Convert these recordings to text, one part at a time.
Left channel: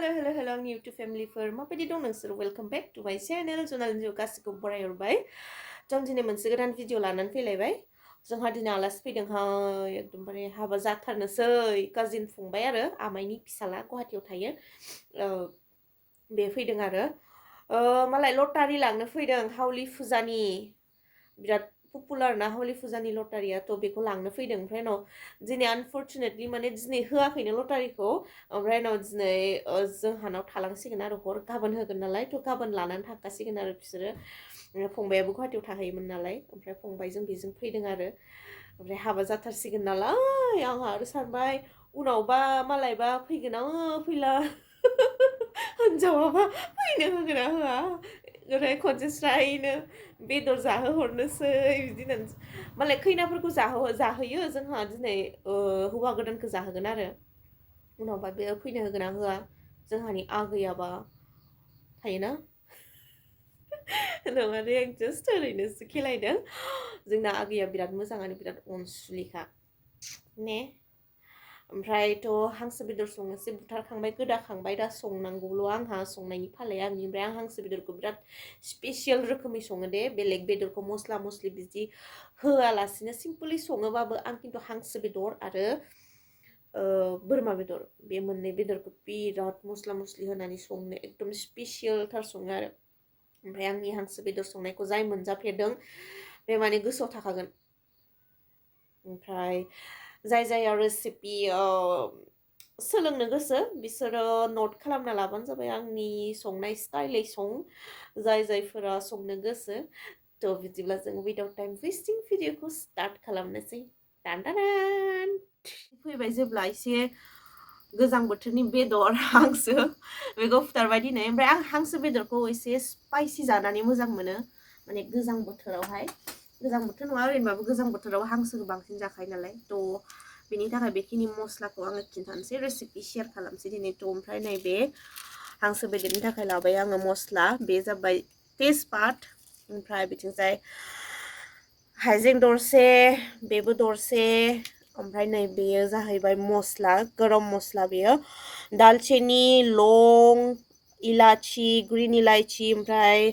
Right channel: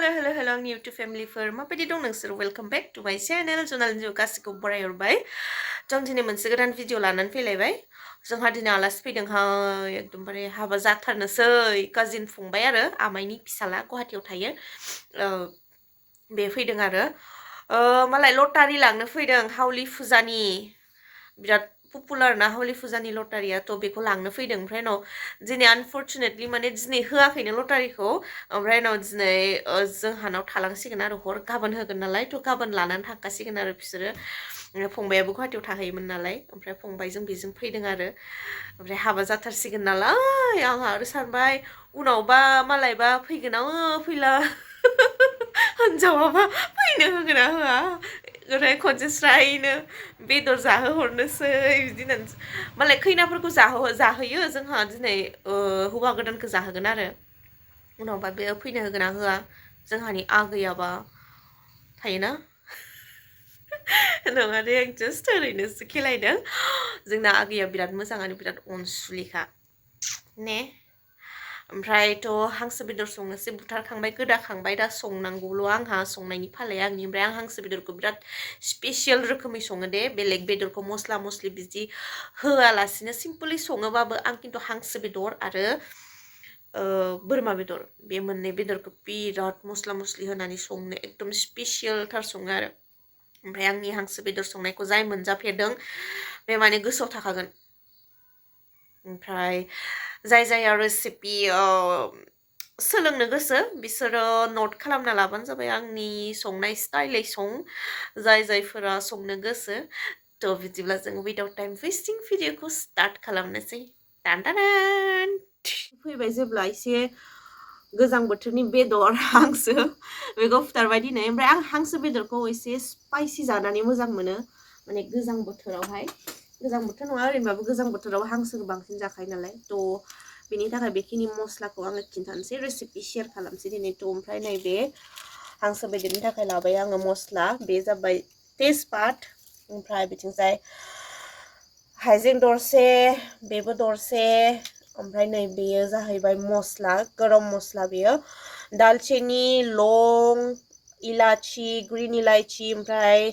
hello आंनि YouTube फेमिलिफोर माबायदि दं नोंसोर वेलकम बैक टू माय चैनल जों गासिखौ बरायहरबाय जों दिनै मोनसे गोदान भिडिअ लानानै फैलायबाय जोंहा दिनै आलासि फैदोंहाय एकदमबारे हाबा जाथारनोसै काजिन फंबाय आरो आमाइनि फिसाला गुवाहाटीयाव थायो बे फैदों आरो मालाय लटारि लांनो फैदों हावलि फुजानि बिराद पपुलार ना हावलि फुजानि लटारिया थ' बेखौ लांनो फैदों ओमफ्राय उनाव दिनै आनफर्चुनेटलि माने दिनै होआखैनो लटारिखौ ओमफ्राय उनाव दिनै जोंहानाव थालांसिगोन आरो हर गाबोन होगोन नालाय थ' गाबोन लानानै थांखासिगोन आरो बिसोरो फंबायाबो गुवाहाटीयाव थाहैयोमोन नालाय ओमफ्राय फंबायजों बेजों फैदों आरो ओमफ्राय हाबा जाथारसिगोन नालाय आंहा आरो सानबाय उनावबा मालायबा फैगोन ना फैला हिनजावाबा फैनो होगोन ना होआ ओमफ्राय खनसे स्रायनो बेदर जाहोहरनोसै बिदि होननानै मालाय खैनाफोरखौ जाहोयो जोंहा दिनै हौवा गोदानखौ जाहोगोन आरो उनावबा बे फैनो होगोन ना होआ जोंहानि आगैयाबा थायोना नङा दे आं जास्ट ओरैनोसो खेलायदों जोंना आगैया बिराद मोजाङानो बिराद अनसुलिखा ने ओमफ्रायथ' हांसो बेदर संनोसै बुथारखांबाय गोदाखांबाय दा संनांगौल' आंहा संनायनि फालाया आंनि ओमफ्राय आं हांसो बेदरखौ बिराद स्पेसियेल रोखोमै सङो दे बेलेग बेदरखौ मस्ला मस्लि बिदि होआलासिनो सिम्पलि सङोबाबो आं खिन्थु हांसो बेदर आरो बोरमा बेदर बे मोननै बेदरखौ बिराद मस्ला मस्लि होनानै संनो एकदम स्पेसियेलथार सङो आरो ओमफ्राय आंनि हांसो बेदर संनायखौ जाय मोनजाफेरदों बे माने गोसोआव थाखागोन ओमफ्राय जाय जाया रेसिपि सोलोंनो गोसो बिसोरो नट खालामना लाबानो जाबाय आंनि संनाय स्टाइलै सं जायफोरा संनो गोसो थ' बिदिब्ला जों विदाउट टाइम वेस्टिं भिडिअखौ स्टार्ट खालामनोसै टान फैबाय जेब्ला एसे गोजां बोथोरनि बेदर हांसो बेखौ फुथारबाय दिनै ओमफ्राय आं हांसो बेदरखौ एसे स्पाइसि जानानै मोजां मोनो माने गोजां बोथोरावहाय गोजां बोथोर नङा ओरैनोबाबो गोजां बोथोराव हांसोखौ बांसिन जाखायो नालाय थ' बेनि थाखाय बेखिनि मस्लाखौ आङो खिन्थानोसै रेसिपि शेयार खालामसै दिनै थ' ओमफ्राय नैबे हांसो बेदरनि थाखाय लाबाय आङो मस्ला बे जाबाय तेजपात ओमफ्राय बिथिंजाय हाइजें दरसे बेबो दरसे ओमफ्राय नै बेयो जाहैबाय मस्ला गरम मस्ला बेयो दालचिनि लं इलाचि ग्रिन इलाइचि ओमफ्राय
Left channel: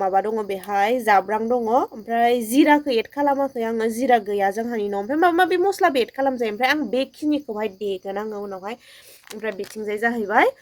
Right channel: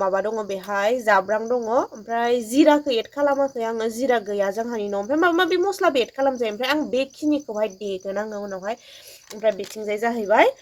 माबा दङ बेहाय जाब्रां दङ ओमफ्राय जिराखौ एड खालामाखै आङो जिरा गैया जोंहानि न' ओमफ्राय माबा माबि मस्लाबो एड खालामजायो ओमफ्राय आं बेखिनिखौहाय देगोन आङो उनावहाय ओमफ्राय बिथिंजाय जाहैबाय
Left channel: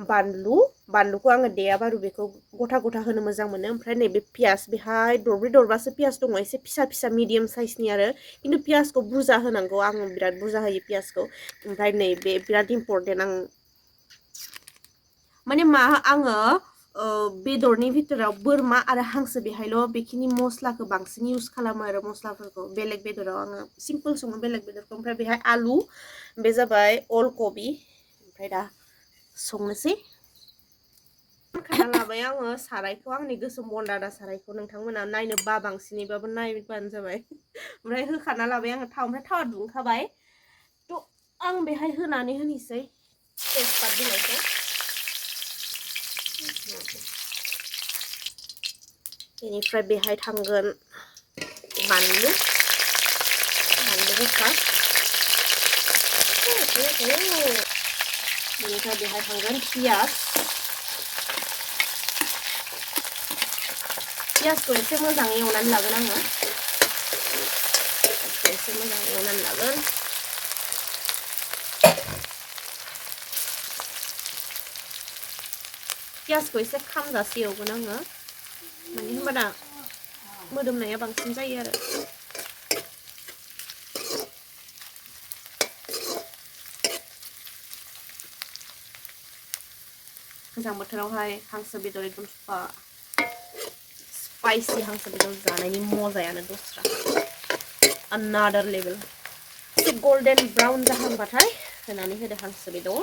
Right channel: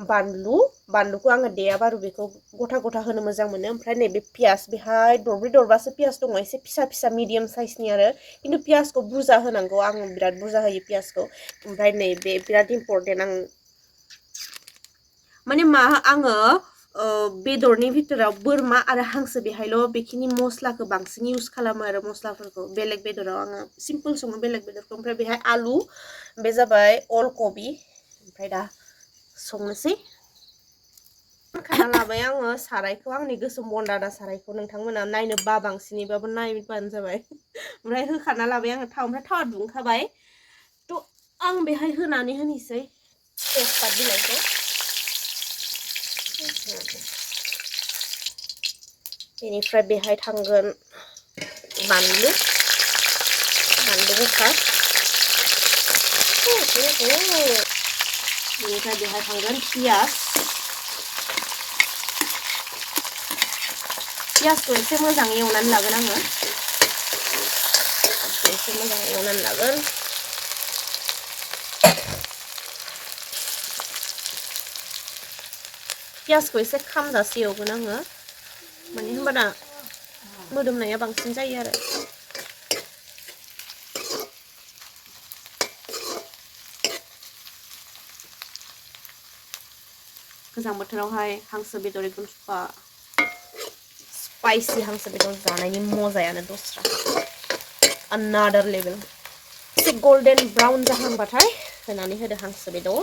बानलुखौ आङो देया बारु बेखौ गथा गथा होनो मोजां मोनो ओमफ्राय नैबे पियास बेहाय दरब्रै दरबासो पियास दङ एसे फिसा फिसा मिडियाम साइसनि आरो खिन्थु पियासखौ बुरजा होनांगौ आङो बिराद बुरजा होयो पियासखौ ओमफ्राय नैबे बिराद इम्परटेन्ट आं माने आङो बेदरनि भितराव बोरमा आरो हांसो बेहायल' बेखिनि मस्लाखौ बांसिन इउज खालामो आरो मस्लाफोरखौ बेलेग बेदराव आङो सिम्पल सङो बेलेग बेदरखौ ओमफ्राय बेहाय आलु बे जाबाय अल कबि ओमफ्राय दा संनोसै खाना लाबाय आङो सारायखौ आंनि गोसोम बनदादा सारायखौ नोंथांमोना नायनो बांसिनैबाबो नायबानो जाबाय ओमफ्राय होखाना लाबाय आङो थाव ओमफ्राय थावा दुंखाबाय थ' आं बेहाय होनानै होनोसै तेजपात बिलाइखौ बेनिफ्राय बेहाय थांगोन बानलु गोसा बेनिफ्राय बेहाय थांगोन पियासखौ एसे मोजाङै एवनानै लागोन आङो एसे मोजाङै एवनानै लागोन पियासखौ एसे खामजासे एवगोन आङो माने होमबाना मोदोमनाया बांसिन जायो आरो गोजां बोथोरावहाय हांसो बेदर एकदम स्पाइसि हांसो बेदर जानायनि मजायानो दस्रा अनादार लेभेल एसे गोल्डन ब्राउन जाहांबाथाय होनानै होदो हांसो बेदर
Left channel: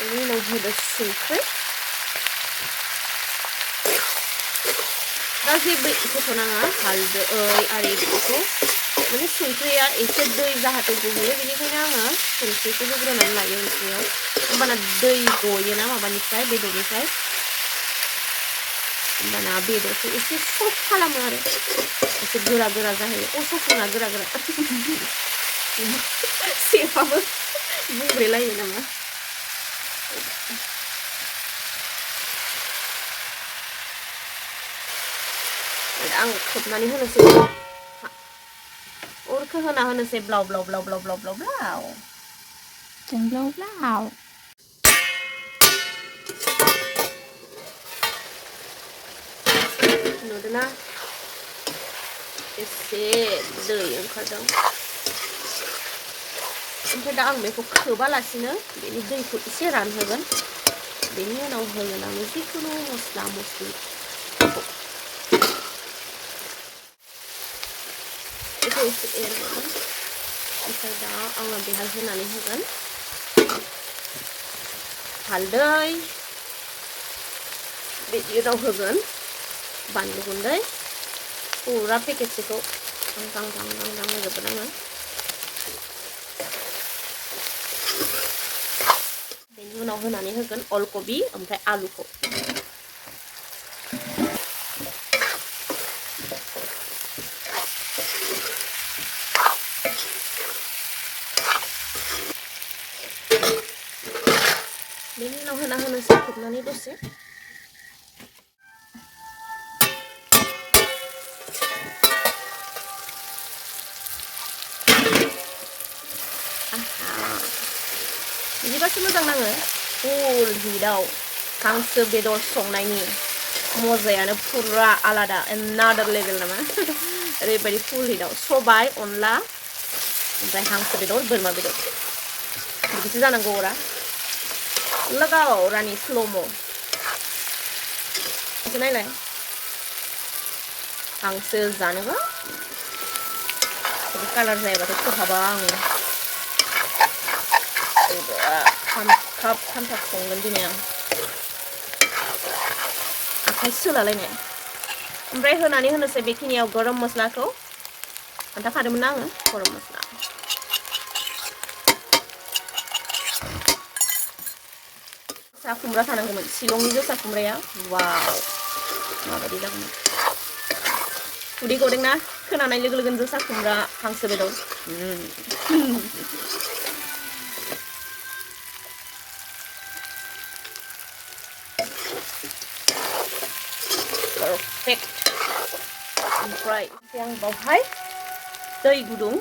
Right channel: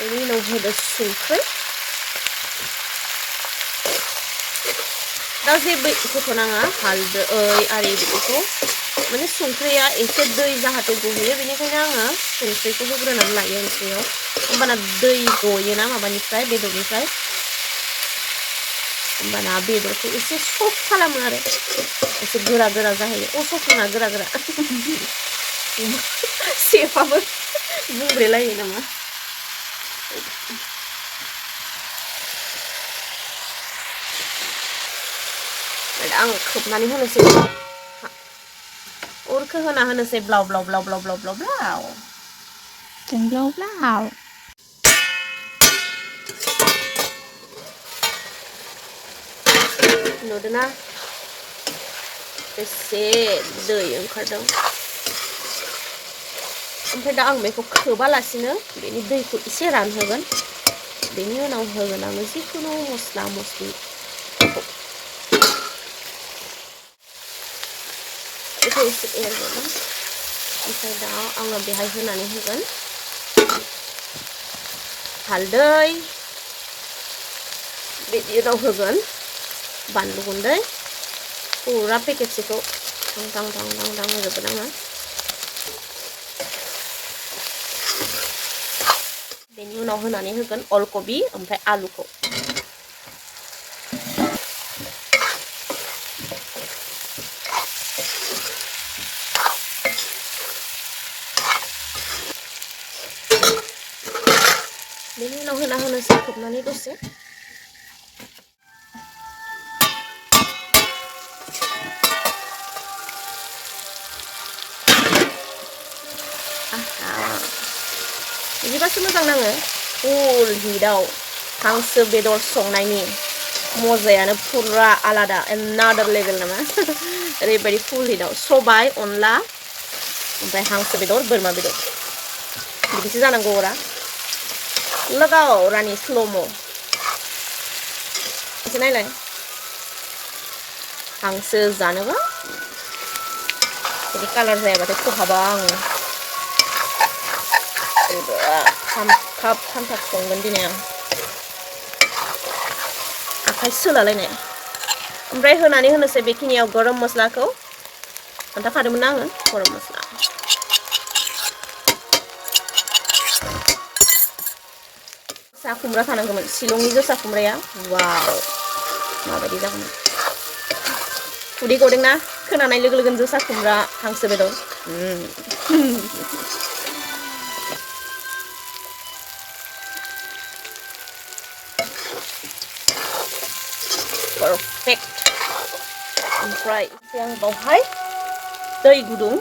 बेनि उनाव होदो संख्रि दा जेबो होथ'नाङा हालदै आरि बेखौ माने संख्रिया एसे दै जाहाथे गहोयो बेनिखायनो आङो संख्रिखौ होग्रोनानै लायो ओंख्रियाव होमबाना दै गयोना माबानिफ्राय बेदरनिफ्राय होमबाना बेदरखौ एसे सफ्ट खालामो आरो एसे गोरा गोरा जाहैयो सफ्ट नङा गोरा गोरा सेफाबो बुंब्रेलायो नामा आं खोबनानै होनोसै अरखौ होना होनोसै ब्लाव ब्लाव ब्लाव ब्लाव ब्लाव ब्लाव ब्लाव ब्लाव ब्लाव नुदोंना एसे दै ओंखारदों ओमफ्राय दा आं बेखौ खोबालासिनो बेनि दैखौ एसे रानहोगोन बेनि उनाव होनानै जिखुनु मस्ला मस्लि बेखौ एसे एरगोन ओमफ्राय दा आङो बेहाय होनानै होगोन हालदै बिदि उनाव होगोन बानलु गुन्दै फुरा पेकेटसेखौ दां होजोबगोन आङो बेनि उनाव होनानै होगोन अलकबि ओमफ्राय आलुखौ बेनि उनाव होना होनोसै खोबनानै दसे बिदिबासो मोजां नाङो फुल हिटआव हांसो बेदर संनायनि मजायानो फुरा आलादा एनादार लेभेल नामा ओरैबायदि फुल हिटआव सबाय अनला ओमफ्राय हांसो बेदर बोरमा बेदर बिदिसो जानांगौ अरा लगाव रानि स्ल'म' एसे नायलाय हांसो जानोबा बिदि कालार जायाबाथाय खहाबा आङो खामथाब संगोन दिनै आं आखाइ सोलालायनाय ओमफ्राय होनानै होनोसै बेखिनियाव गरम मस्लाखौ खोन्थाखादोंमोन आङो गरम मस्ला जोसा खुमब्रा थानांगौमोन शिलंनि जोसा खुमब्राया वाव माबायदि जागौमोन उदै गदोंना खोनानाय लोगो लोगोनो जोसा खुमब्रा हांसो बेदर perfect ओमफ्राय आं बावहाय दै गुदुं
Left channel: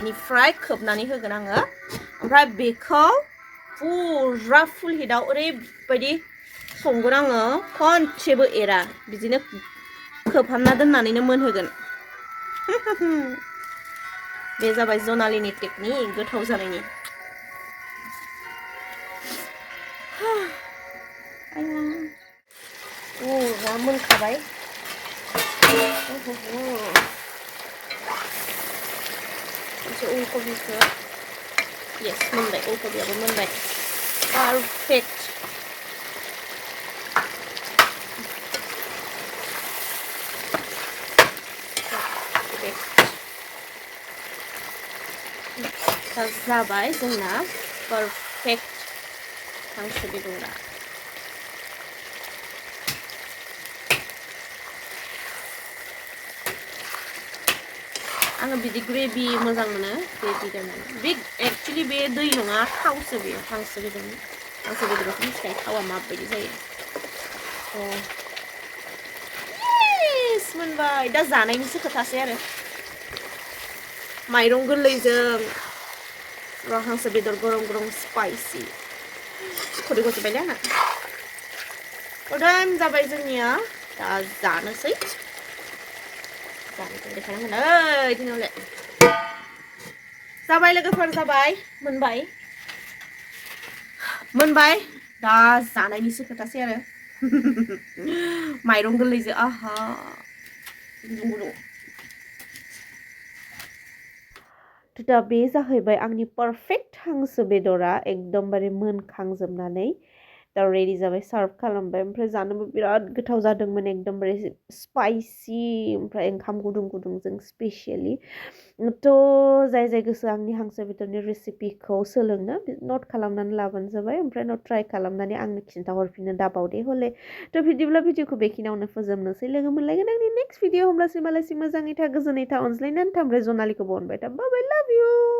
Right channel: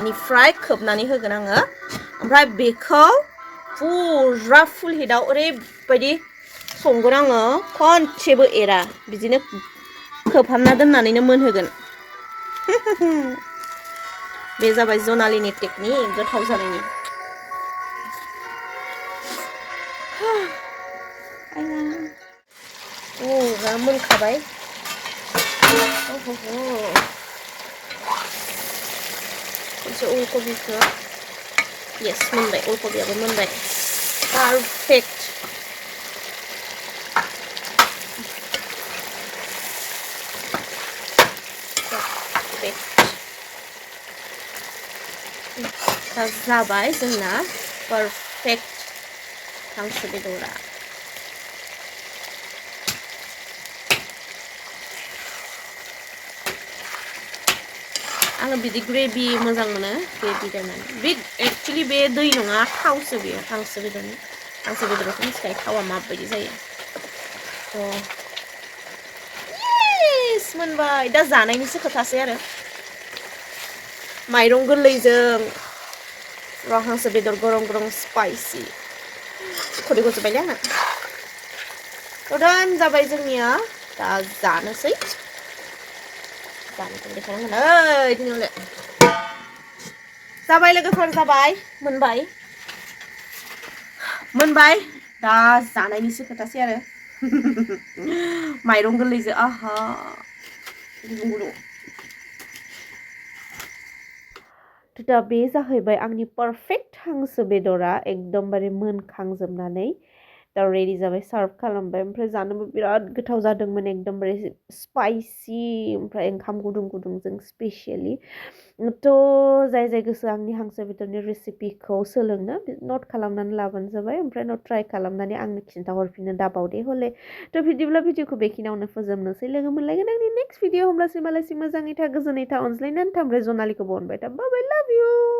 बेनिफ्राय खोबनानै होगोन आङो ओमफ्राय बेखौ फुरा फुल हिटआव ओरैबायदि संगोन आङो खनसेबो एरा बिदिनो खोबहाबना दोननानैनो मोनहोगोन बे जाबाय जनालिनि टेकनिक गोथाव जानायनि मोनखाबाय एसे अलकबिखौ येस मोनबाय अलकबियाबो मोनबाय पारफेक्ट जाबाय जोंना पारफेक्ट हांसो बेदरा आङो बिदि ग्रेभि मोजां मोनो ग्रेभि जानाय बे एक्चुअलि बे दै नङा थावसो बेयो हांसो बेदरखौ मिथिखायो थावा माबायदि जायो मोनबाय दा जानायनिसो खोथासै आरो माइरं गोरलैजों हांसो बेदर गरम गरम स्पाइसि खुदै गजोबबायलै आंना दान जाबाय जोंनिया दा जानोसै जाबाय लोगोफोर जाबाय मोनबाय दा जानायनिसो खोथासै आरो माइरं गोरलैजों आहा दा बे जाहैबाय आंनि पारफेक्ट हांसो बेदरा एकदमबारे मोनखांजोबनानै दा रेडि जाबाय सार्भ खालामबाय ओमफ्राय जानोबो बिराद गोथाव जादोंमोन एकदमबारे स्पाइसि ओमफ्राय ओंखाम गुदुं गुदुंजों स्पेसियेलि थ' जाय जाय गोसो आंनि हांसो बेदरनि रेसिपिखौ सोलोंनो नट खालामनानै लाबानो जाबाय ओमफ्राय नट ट्राइ खालामनानै आंनो खिन्थाहरफिननो दाबावदे हले थ' बिदिब्ला भिडिअखौ बेखिनियावनो फोजोबनोसै लोगो मोनलायगोन आंनि नेक्स्ट भिडिअ होमब्लासिम मालायसिम मोजाङै था गोजोनै था अनज्लायनानै था ओमफ्राय जनालिखौबो अनबाय था बाय बाय लाभ इउ